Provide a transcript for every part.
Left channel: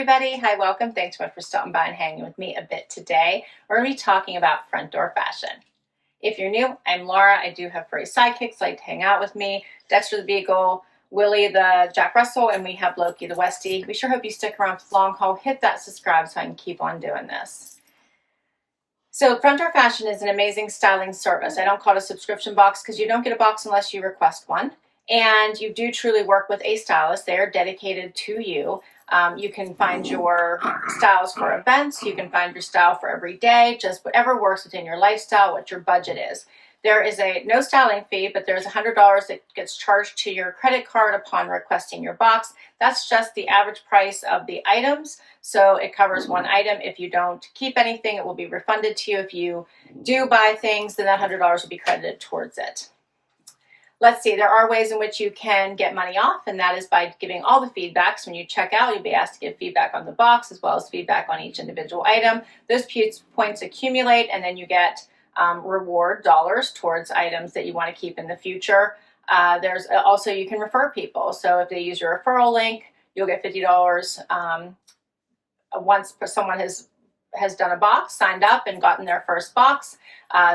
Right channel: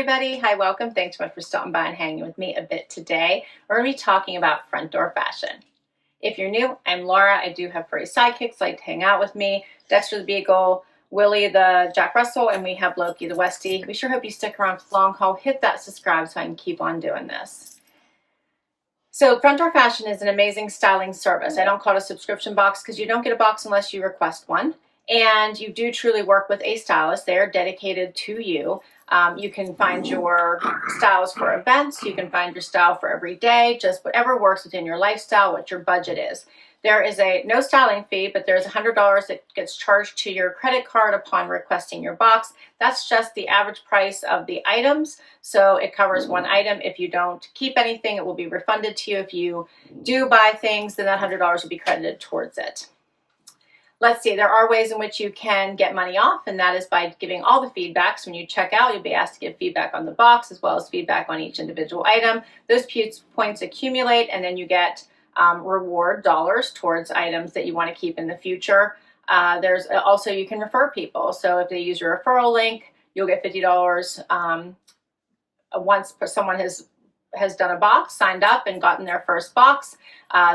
everybody. Hi, welcome. Thanks so much for stopping by and hanging with me a bit today. We're going to be talking about front door fashion. If you're new, I'm Laura. I do have furry sidekicks like to hang out with me. Dexter the Beagle, Willie the Jack Russell, and we have Loki the Westie. We sure hope you stick around for the long haul. Hit that subscribe so I can keep on doing this. So front door fashion is an amazing styling service. I don't call it a subscription box because you don't get a box unless you request one. And you do truly work with a stylist. They are dedicated to you. You can find your styles for events. You can find your style for every day, just whatever works within your lifestyle, what your budget is. There is no styling fee, but there's $100 that gets charged to your credit card upon requesting your box. That's just the average price of the items. So it covers one item. If you don't keep anything, it will be refunded to you. If you do buy things, then that $100 will be credited towards it. Let's see, there are ways in which you can get money off, and that is by giving all the feedbacks. When you check out, you'll be asked to give feedback on the box as well as feedback on each individual item. Those points accumulate, and then you get reward dollars towards items that you want to keep in the future. There's also, you can refer people. So if they use your referral link, you'll get $50 once someone has done a box, signed up and gotten their first box.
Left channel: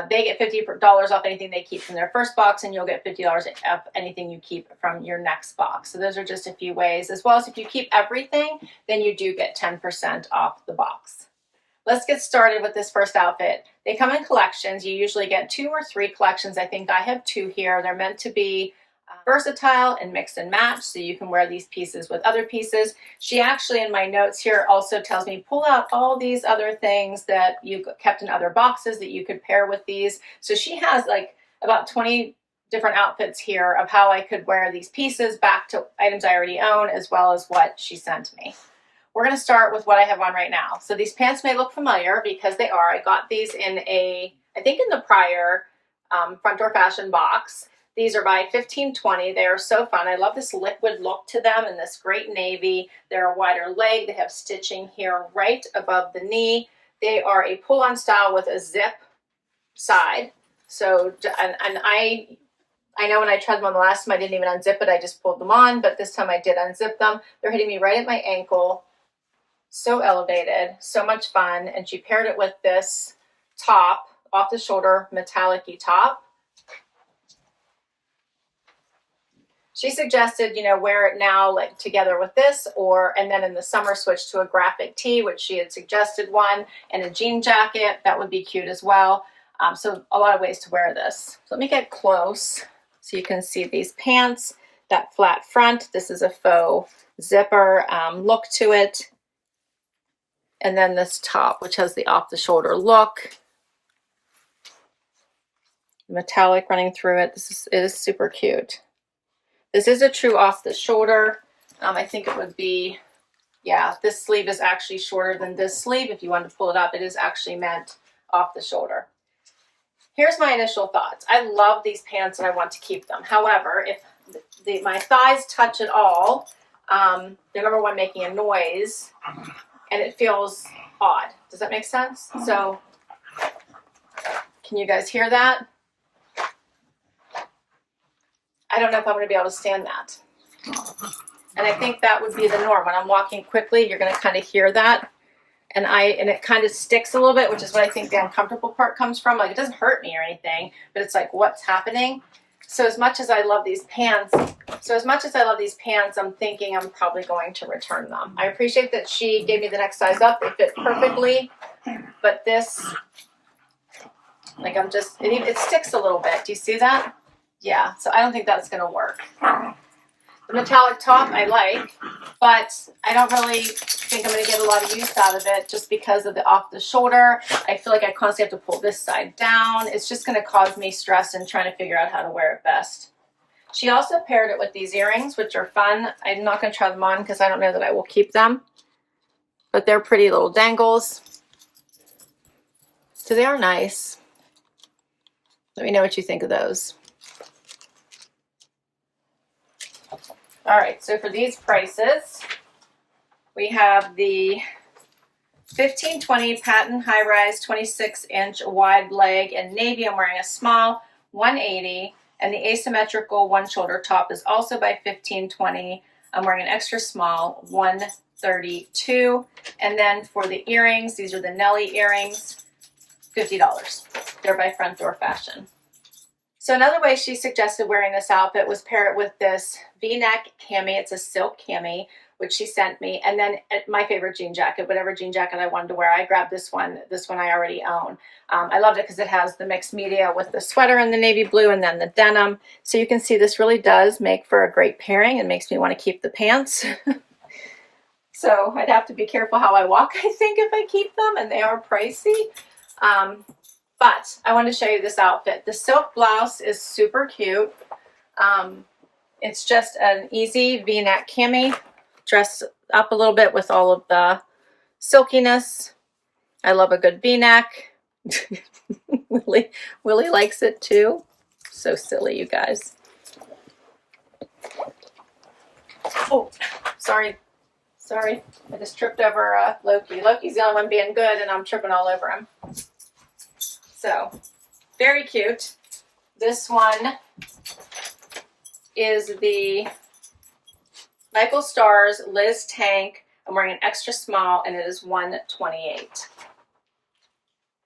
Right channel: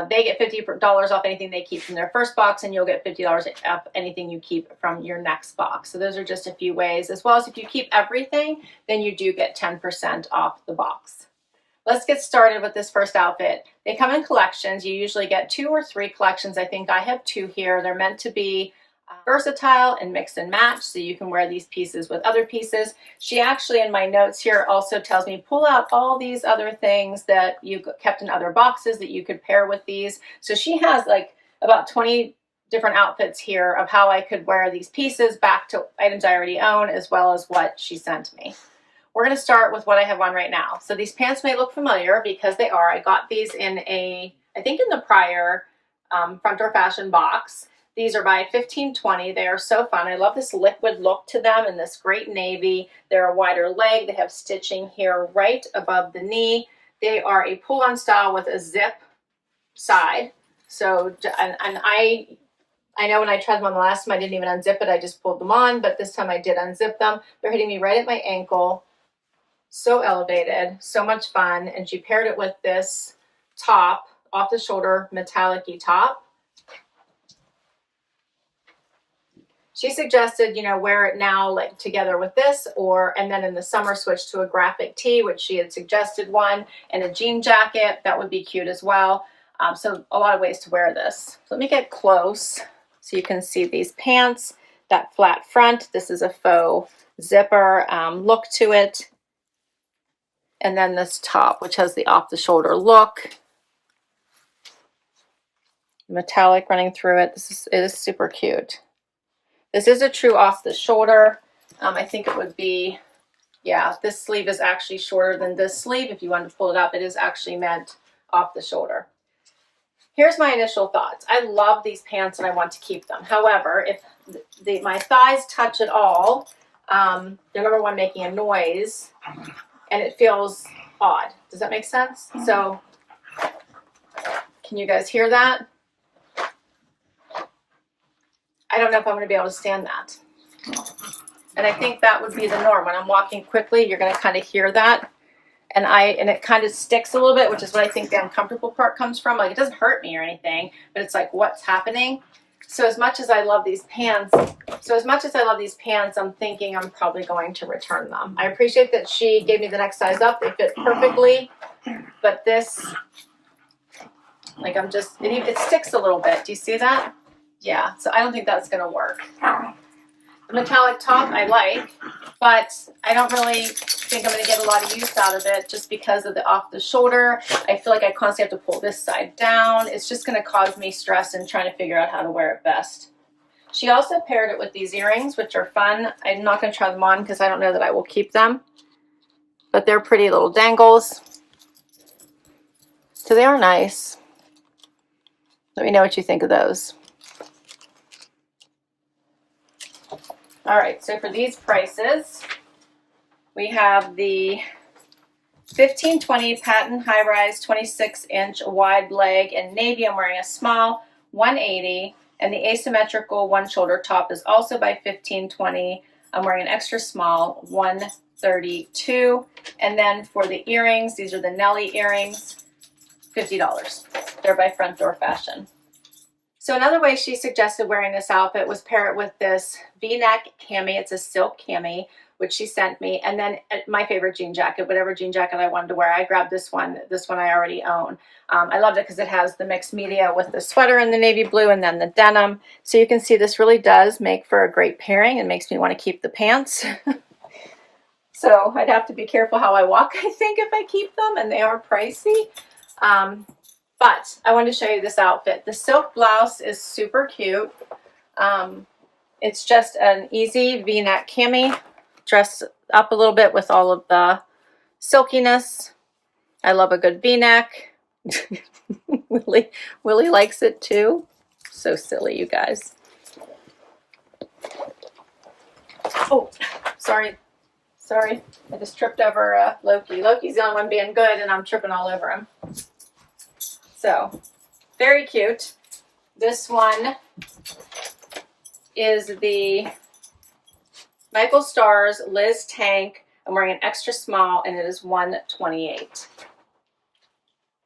They get $50 off anything they keep from their first box, and you'll get $50 off anything you keep from your next box. So those are just a few ways, as well as if you keep everything, then you do get 10% off the box. Let's get started with this first outfit. They come in collections. You usually get 2 or 3 collections. I think I have 2 here. They're meant to be versatile and mix and match, so you can wear these pieces with other pieces. She actually, in my notes here, also tells me pull out all these other things that you kept in other boxes that you could pair with these. So she has like about 20 different outfits here of how I could wear these pieces back to items I already own, as well as what she sent me. We're going to start with what I have on right now. So these pants may look familiar because they are. I got these in I think in the prior front door fashion box. These are by 1520. They are so fun. I love this liquid look to them in this great navy. They're a wider leg. They have stitching here right above the knee. They are a pull-on style with a zip side. So, and I know when I tried them on the last time, I didn't even unzip it. I just pulled them on, but this time I did unzip them. They're hitting me right at my ankle. So elevated, so much fun. And she paired it with this top, off the shoulder, metallic-y top. She suggested, wear it now like together with this, and then in the summer switch to a graphic tee, which she had suggested one, and a jean jacket. That would be cute as well. So a lot of ways to wear this. So let me get close so you can see these pants, that flat front. This is a faux zipper look to it. And then this top, which has the off-the-shoulder look. Metallic running through it. It is super cute. This is a true off the shoulder. I think it would be, yeah, this sleeve is actually shorter than this sleeve. If you want to pull it up, it is actually meant off the shoulder. Here's my initial thoughts. I love these pants and I want to keep them. However, if my thighs touch at all, they're number one making a noise and it feels odd. Does that make sense? So can you guys hear that? I don't know if I'm going to be able to stand that. And I think that would be the norm. When I'm walking quickly, you're going to kind of hear that. And it kind of sticks a little bit, which is what I think the uncomfortable part comes from. Like, it doesn't hurt me or anything, but it's like, what's happening? So as much as I love these pants, I'm thinking I'm probably going to return them. I appreciate that she gave me the next size up. They fit perfectly. But this, like, it sticks a little bit. Do you see that? Yeah, so I don't think that's going to work. The metallic top I like, but I don't really think I'm going to get a lot of use out of it just because of the off the shoulder. I feel like I constantly have to pull this side down. It's just going to cause me stress in trying to figure out how to wear it best. She also paired it with these earrings, which are fun. I'm not going to try them on because I don't know that I will keep them, but they're pretty little dangles. So they are nice. Let me know what you think of those. All right, so for these prices, we have the 1520 patent high-rise 26-inch wide leg in navy. I'm wearing a small, $180, and the asymmetrical one shoulder top is also by 1520. I'm wearing an extra small, $1 $32. And then for the earrings, these are the Nelly earrings, $50. They're by Front Door Fashion. So another way she suggested wearing this outfit was pair it with this V-neck cami. It's a silk cami, which she sent me. And then my favorite jean jacket, whatever jean jacket I wanted to wear. I grabbed this one. This one I already own. I loved it because it has the mixed media with the sweater in the navy blue and then the denim. So you can see this really does make for a great pairing and makes me want to keep the pants. So I'd have to be careful how I walk, I think, if I keep them, and they are pricey. But I wanted to show you this outfit. The silk blouse is super cute. It's just an easy V-neck cami, dressed up a little bit with all of the silkiness. I love a good V-neck. Willie likes it too. So silly, you guys. Oh, sorry. Sorry, I just tripped over Loki. Loki's the only one being good, and I'm tripping all over him. So, very cute. This one is the Michael Stars Liz Tank. I'm wearing an extra small, and it is $128.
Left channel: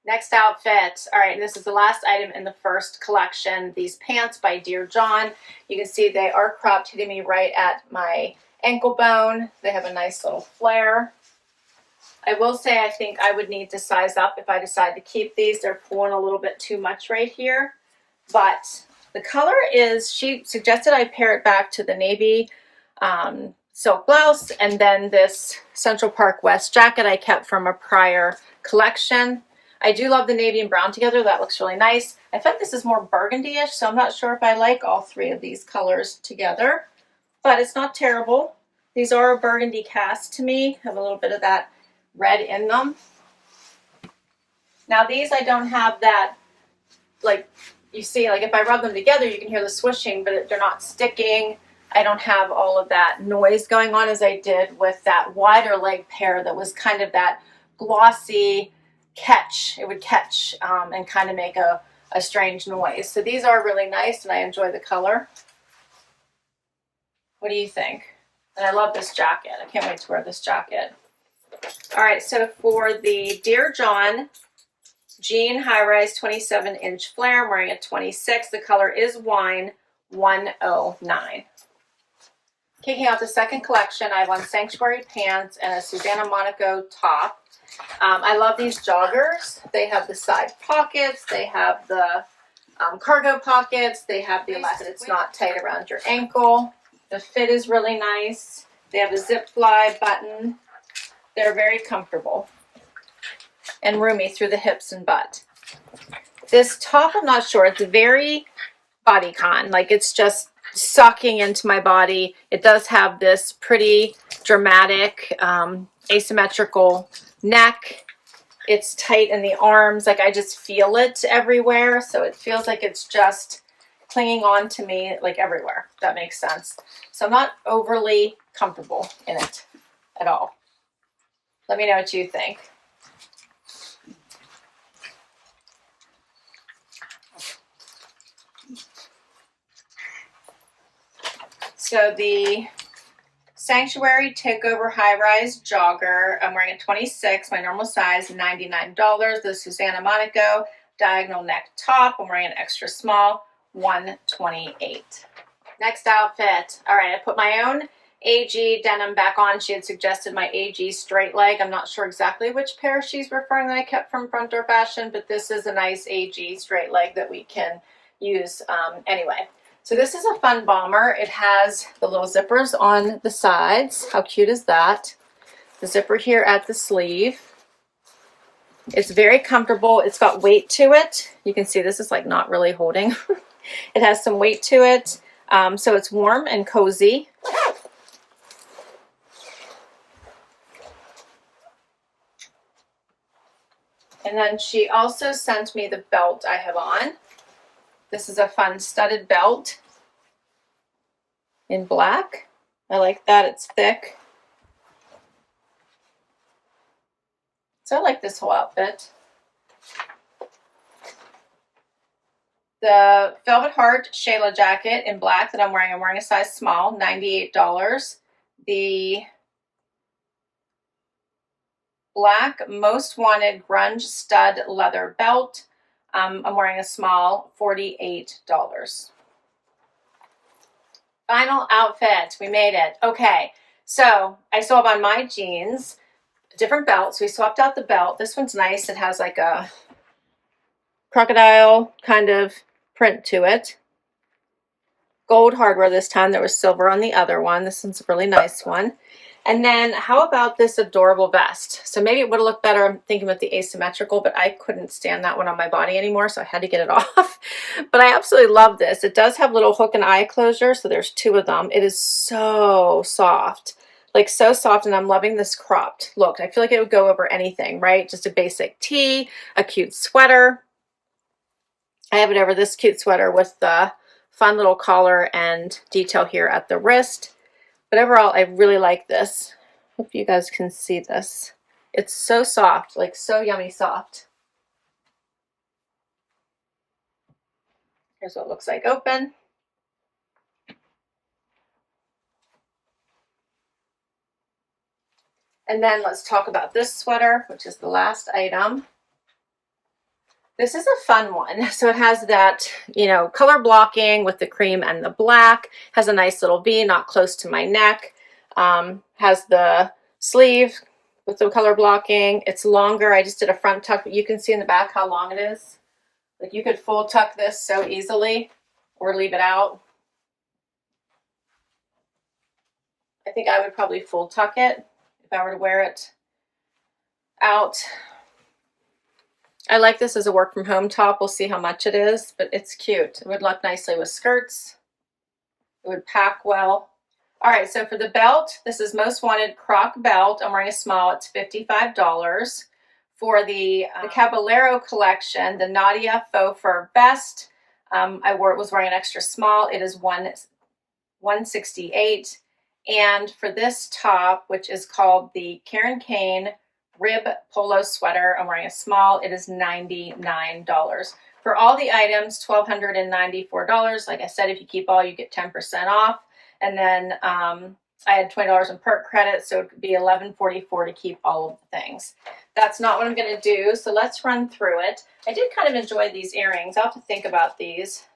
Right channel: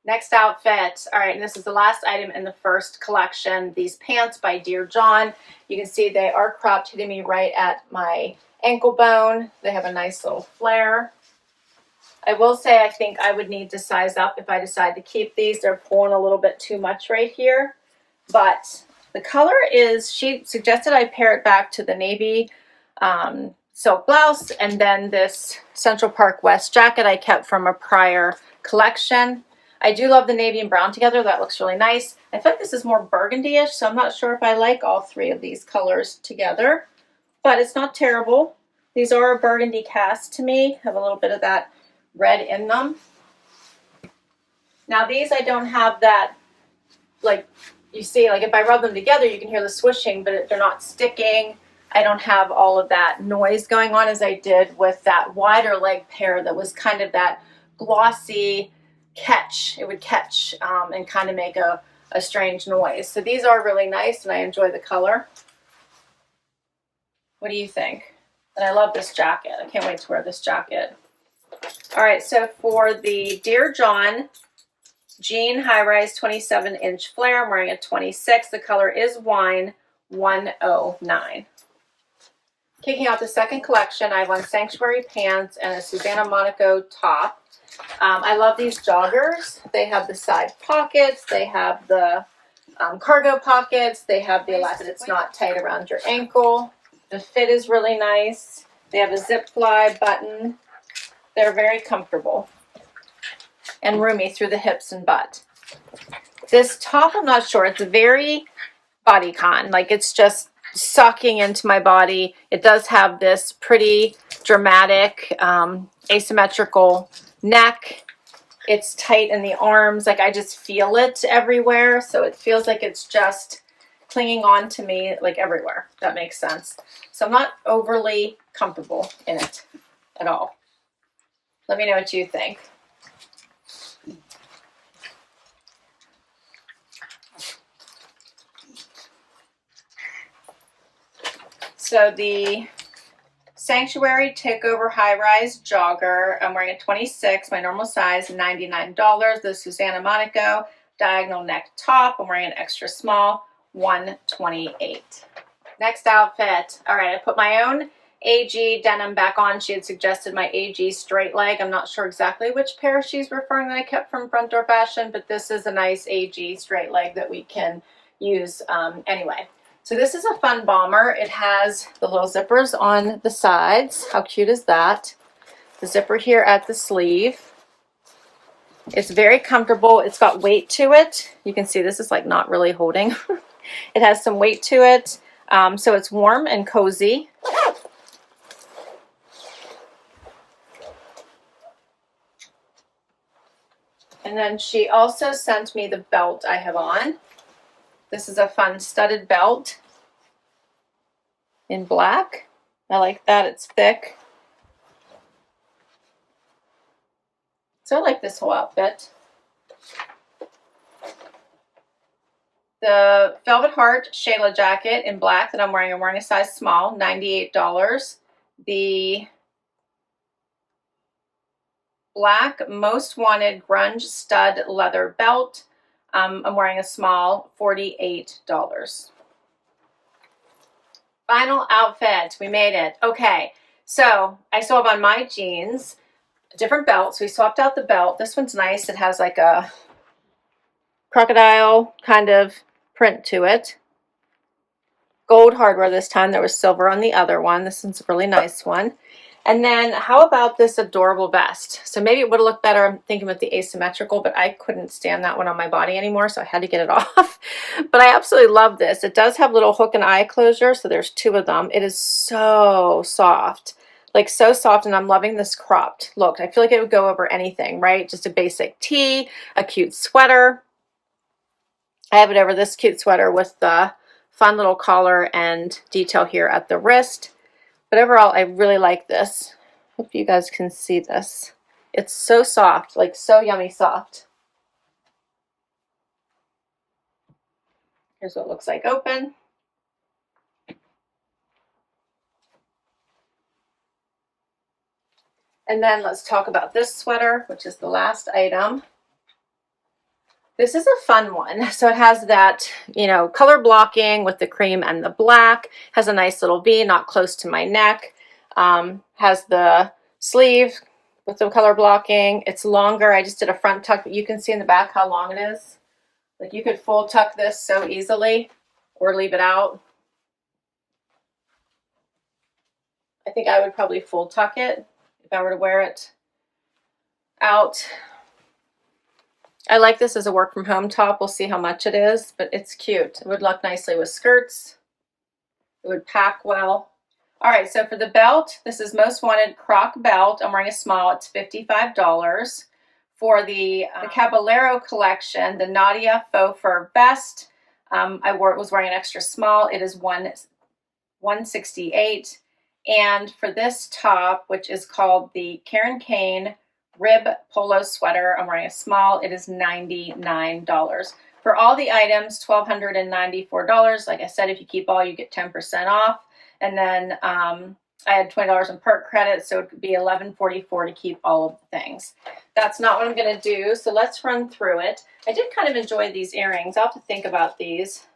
Next outfit. All right, and this is the last item in the first collection. These pants by Dear John. You can see they are cropped, hitting me right at my ankle bone. They have a nice little flare. I will say I think I would need to size up if I decide to keep these. They're pulling a little bit too much right here. But the color is, she suggested I pair it back to the navy silk blouse and then this Central Park West jacket I kept from a prior collection. I do love the navy and brown together. That looks really nice. I think this is more burgundy-ish, so I'm not sure if I like all three of these colors together. But it's not terrible. These are a burgundy cast to me. Have a little bit of that red in them. Now these I don't have that, like you see, like if I rub them together you can hear the swishing, but they're not sticking. I don't have all of that noise going on as I did with that wider leg pair that was kind of that glossy catch. It would catch and kind of make a strange noise. So these are really nice and I enjoy the color. What do you think? And I love this jacket. I can't wait to wear this jacket. All right, so for the Dear John jean high-rise 27-inch flare, I'm wearing a 26. The color is wine, $109. Kicking out the second collection, I have on Sanctuary pants and a Susana Monaco top. I love these joggers. They have the side pockets. They have the cargo pockets. They have the elastic. It's not tight around your ankle. The fit is really nice. They have a zip fly button. They're very comfortable and roomy through the hips and butt. This top, I'm not sure. It's very bodycon. Like it's just sucking into my body. It does have this pretty dramatic asymmetrical neck. It's tight in the arms. Like I just feel it everywhere. So it feels like it's just clinging on to me like everywhere. If that makes sense. So I'm not overly comfortable in it at all. Let me know what you think. So the Sanctuary Takeover High Rise Jogger, I'm wearing a 26, my normal size, $99. The Susana Monaco diagonal neck top, I'm wearing an extra small, $128. Next outfit. All right, I put my own AG denim back on. She had suggested my AG straight leg. I'm not sure exactly which pair she's referring that I kept from Front Door Fashion, but this is a nice AG straight leg that we can use anyway. So this is a fun bomber. It has the little zippers on the sides. How cute is that? The zipper here at the sleeve. It's very comfortable. It's got weight to it. You can see this is like not really holding. It has some weight to it. So it's warm and cozy. And then she also sent me the belt I have on. This is a fun studded belt in black. I like that. It's thick. So I like this whole outfit. The Velvet Heart Shayla jacket in black that I'm wearing a size small, $98. The black Most Wanted Grunge stud leather belt. I'm wearing a small, $48. Final outfit, we made it. Okay, so I still have on my jeans, different belts. We swapped out the belt. This one's nice. It has like a crocodile kind of print to it. Gold hardware this time. There was silver on the other one. This one's a really nice one. And then how about this adorable vest? So maybe it would have looked better, I'm thinking with the asymmetrical, but I couldn't stand that one on my body anymore, so I had to get it off. But I absolutely love this. It does have little hook and eye closure, so there's 2 of them. It is so soft, like so soft, and I'm loving this cropped look. I feel like it would go over anything, right? Just a basic tee, a cute sweater. I have it over this cute sweater with the fun little collar and detail here at the wrist. But overall, I really like this. Hope you guys can see this. It's so soft, like so yummy soft. Here's what it looks like open. And then let's talk about this sweater, which is the last item. This is a fun one. So it has that, you know, color blocking with the cream and the black. Has a nice little V, not close to my neck. Has the sleeve with the color blocking. It's longer. I just did a front tuck, but you can see in the back how long it is. Like you could full tuck this so easily or leave it out. I think I would probably full tuck it if I were to wear it out. I like this as a work from home top. We'll see how much it is, but it's cute. It would look nicely with skirts. It would pack well. All right, so for the belt, this is Most Wanted Croc belt. I'm wearing a small. It's $55. For the Caballero collection, the Nadia Faux Fur vest, I was wearing an extra small. It is $168. And for this top, which is called the Kane Rib Polo sweater, I'm wearing a small. It is $99. For all the items, $1,294. Like I said, if you keep all, you get 10% off. And then I had $20 in perk credit, so it could be $11.44 to keep all of the things. That's not what I'm going to do, so let's run through it. I did kind of enjoy these earrings. I'll have to think about these.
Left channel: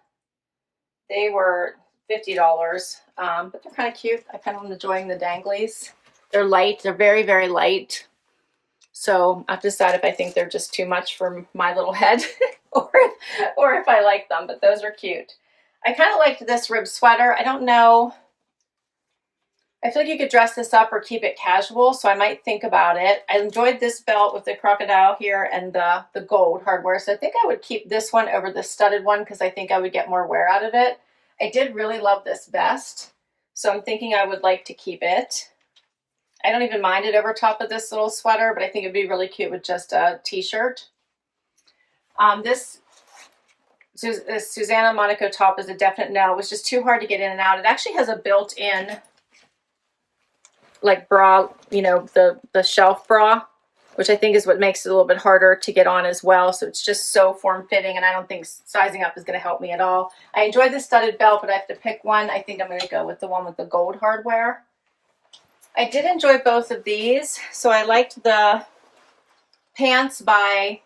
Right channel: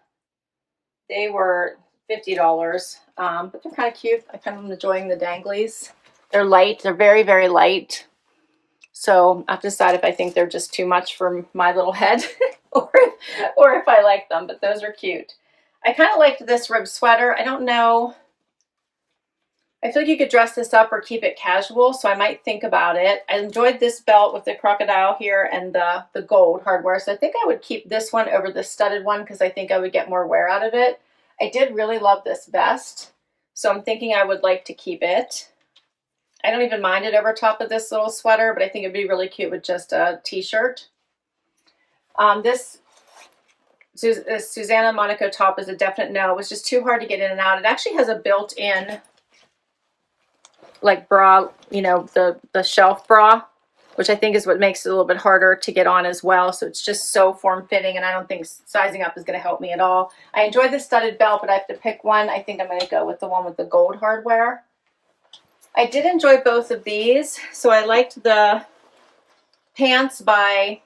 They were $50, but they're kind of cute. I kind of am enjoying the danglies. They're light. They're very, very light. So I have to decide if I think they're just too much for my little head or if I like them, but those are cute. I kind of liked this rib sweater. I don't know. I feel like you could dress this up or keep it casual, so I might think about it. I enjoyed this belt with the crocodile here and the gold hardware, so I think I would keep this one over the studded one because I think I would get more wear out of it. I did really love this vest, so I'm thinking I would like to keep it. I don't even mind it over top of this little sweater, but I think it'd be really cute with just a t-shirt. This Susana Monaco top is a definite no. It was just too hard to get in and out. It actually has a built-in like bra, you know, the shelf bra, which I think is what makes it a little bit harder to get on as well. So it's just so form-fitting, and I don't think sizing up is going to help me at all. I enjoyed the studded belt, but I have to pick one. I think I'm going to go with the one with the gold hardware. I did enjoy both of these. So I liked the pants by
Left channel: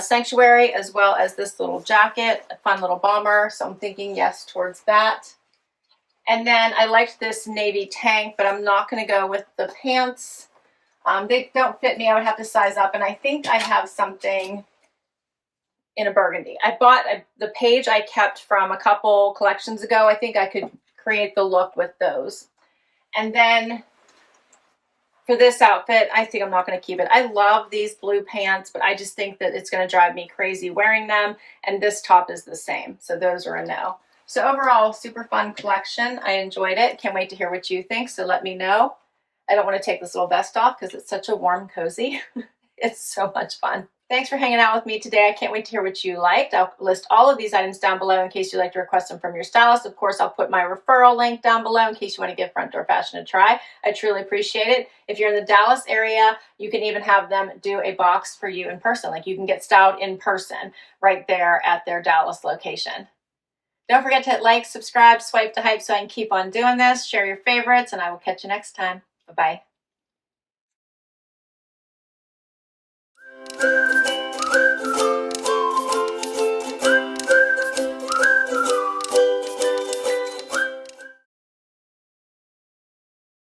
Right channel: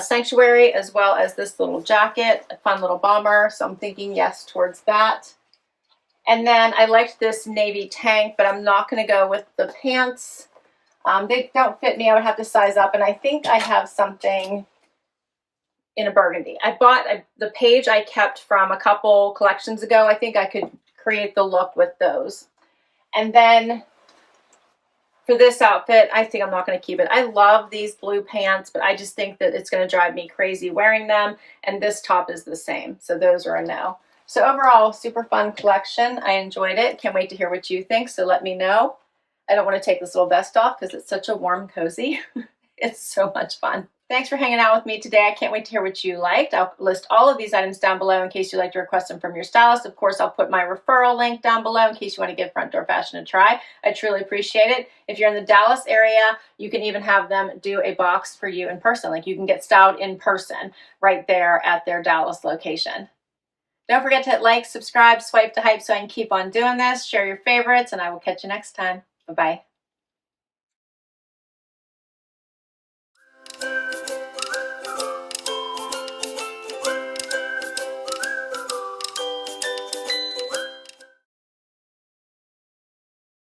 Sanctuary, as well as this little jacket, a fun little bomber. So I'm thinking yes towards that. And then I liked this navy tank, but I'm not going to go with the pants. They don't fit me. I would have to size up. And I think I have something in a burgundy. I bought the page I kept from a couple collections ago. I think I could create the look with those. And then for this outfit, I think I'm not going to keep it. I love these blue pants, but I just think that it's going to drive me crazy wearing them. And this top is the same. So those are a no. So overall, super fun collection. I enjoyed it. Can't wait to hear what you think. So let me know. I don't want to take this little vest off because it's such a warm cozy. It's so much fun. Thanks for hanging out with me today. I can't wait to hear what you liked. I'll list all of these items down below in case you'd like to request them from your stylist. Of course, I'll put my referral link down below in case you want to give Front Door Fashion a try. I truly appreciate it. If you're in the Dallas area, you can even have them do a box for you in person. Like you can get styled in person right there at their Dallas location. Don't forget to hit like, subscribe, swipe to hype so I can keep on doing this. Share your favorites, and I will catch you next time. Bye-bye.